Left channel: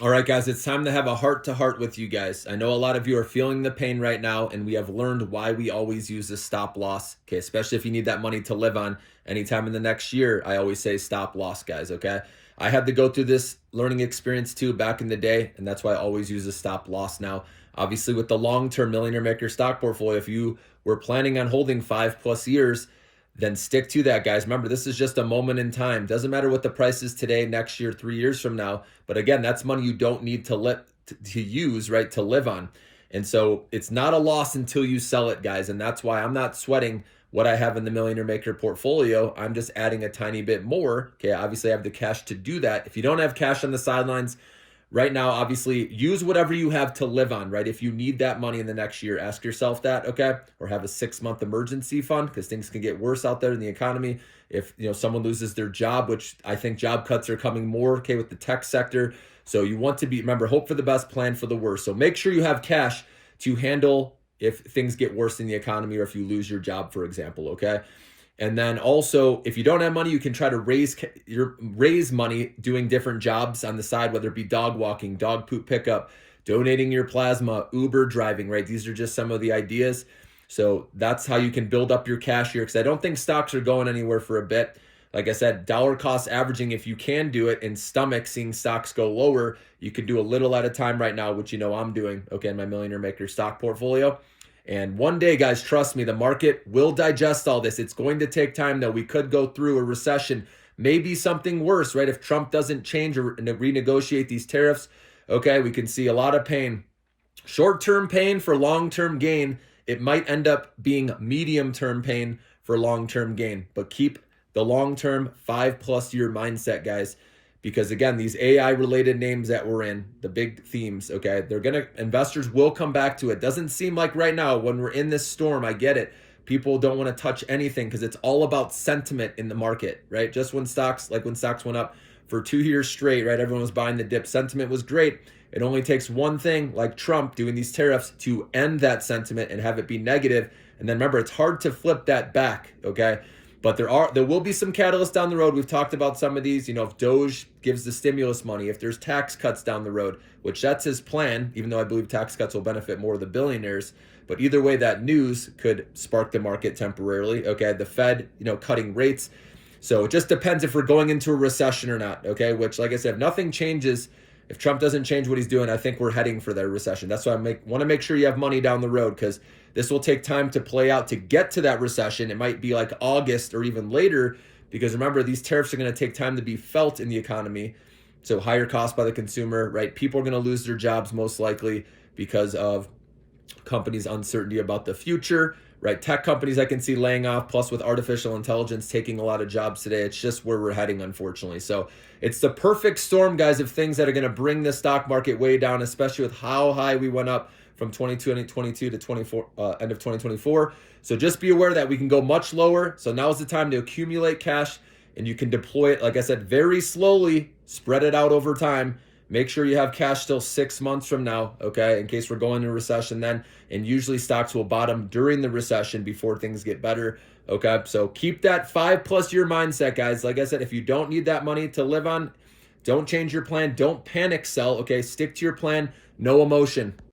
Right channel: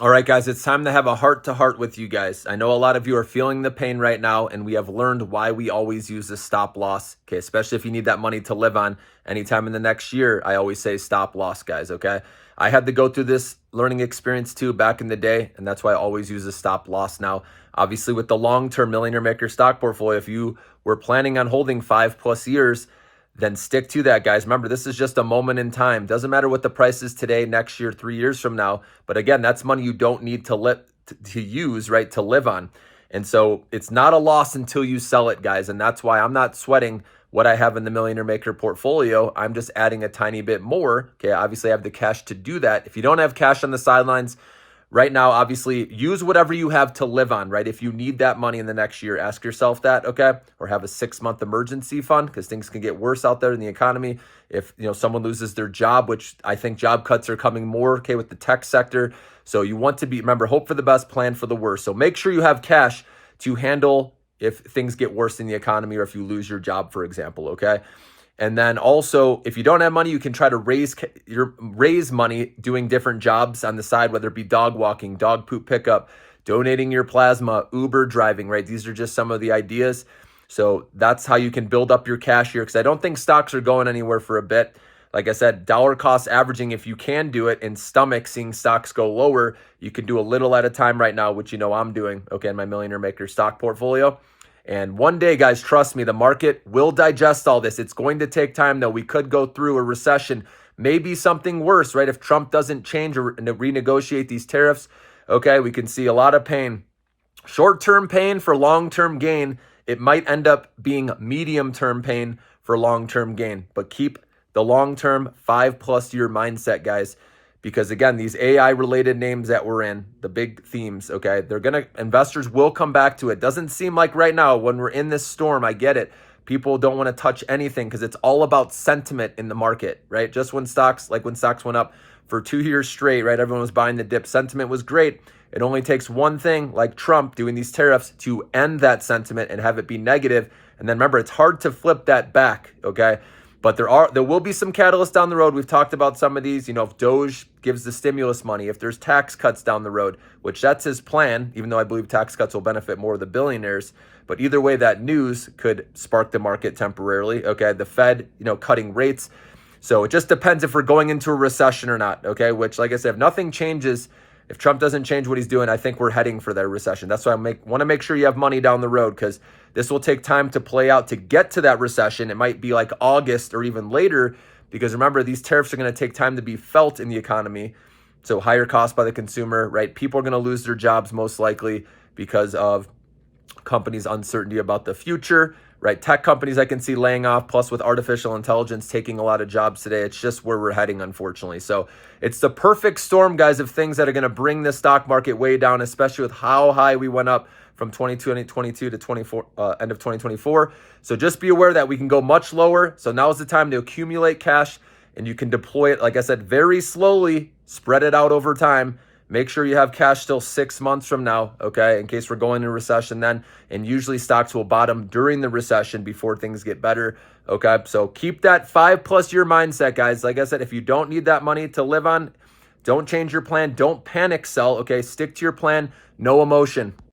All right, guys, it's time to have a heart to heart with you guys. I know a lot of you are feeling the pain right now, and we have learned why we always use the stop loss. Okay, especially if you need that money to live on anytime in the next year. I always say stop loss, guys. Okay, I had to go through this learning experience too back in the day, and that's why I always use a stop loss now. Obviously, with the long term Millionaire Maker stock portfolio, if you were planning on holding 5+ years, then stick to that, guys. Remember, this is just a moment in time. Doesn't matter what the price is today, next year, 3 years from now. But again, that's money you don't need to use, right, to live on. And so it's not a loss until you sell it, guys. And that's why I'm not sweating what I have in the Millionaire Maker portfolio. I'm just adding a tiny bit more. Okay, obviously I have the cash to do that. If you don't have cash on the sidelines, right now, obviously, use whatever you have to live on, right? If you need that money in the next year, ask yourself that, okay? Or have a 6-month emergency fund because things can get worse out there in the economy. If, someone loses their job, which I think job cuts are coming more, okay, with the tech sector. So you want to remember, hope for the best, plan for the worst. So make sure you have cash to handle if things get worse in the economy or if you lose your job, for example, okay? And then also, if you don't have money, you can try to raise money doing different jobs on the side, whether it be dog walking, dog poop pickup, donating your plasma, Uber driving, right? These are just some of the ideas. So that's how you can build up your cash here, because I don't think stocks are going anywhere for a bit. Like I said, dollar cost averaging, if you can do it, and stomach seeing stocks go lower, you can do a little at a time right now, which I'm doing, okay, in my Millionaire Maker stock portfolio. And one day, guys, trust me, the market will digest all this. It's going to take time, though. We could go through a recession, maybe something worse, right? If Trump doesn't change or renegotiate these tariffs, okay, we can see a lot of pain. Short-term pain for long-term gain. It might end up being medium-term pain for long-term gain. But keep the long-term 5+ year mindset, guys. Because again, these AI related names that we're in, the big themes, okay, investors will come back to it. Doesn't seem like right now when we're in this storm, I get it. People don't want to touch anything because it's all about sentiment in the market, right? Just when stocks went up for 2 years straight, right? Everyone was buying the dip. Sentiment was great. It only takes one thing like Trump doing these tariffs to end that sentiment and have it be negative. And then remember, it's hard to flip that back, okay? But there will be some catalysts down the road. We've talked about some of these, if Doge gives the stimulus money, if there's tax cuts down the road, which that's his plan, even though I believe tax cuts will benefit more of the billionaires. But either way, that news could spark the market temporarily. Okay, the Fed, cutting rates. So it just depends if we're going into a recession or not. Okay, which, like I said, if nothing changes, if Trump doesn't change what he's doing, I think we're heading for that recession. That's why I want to make sure you have money down the road, because this will take time to play out to get to that recession. It might be like August or even later, because remember, these tariffs are going to take time to be felt in the economy. So higher cost by the consumer, right? People are going to lose their jobs most likely because of companies' uncertainty about the future, right? Tech companies I can see laying off, plus with artificial intelligence taking a lot of jobs today. It's just where we're heading, unfortunately. So it's the perfect storm, guys, of things that are going to bring the stock market way down, especially with how high we went up from 2022 to end of 2024. So just be aware that we can go much lower. So now is the time to accumulate cash, and you can deploy it, like I said, very slowly, spread it out over time. Make sure you have cash still 6 months from now, okay, in case we're going into a recession then. And usually stocks will bottom during the recession before things get better, okay? So keep that 5+ year mindset, guys. Like I said, if you don't need that money to live on, don't change your plan. Don't panic sell, okay? Stick to your plan. No emotion.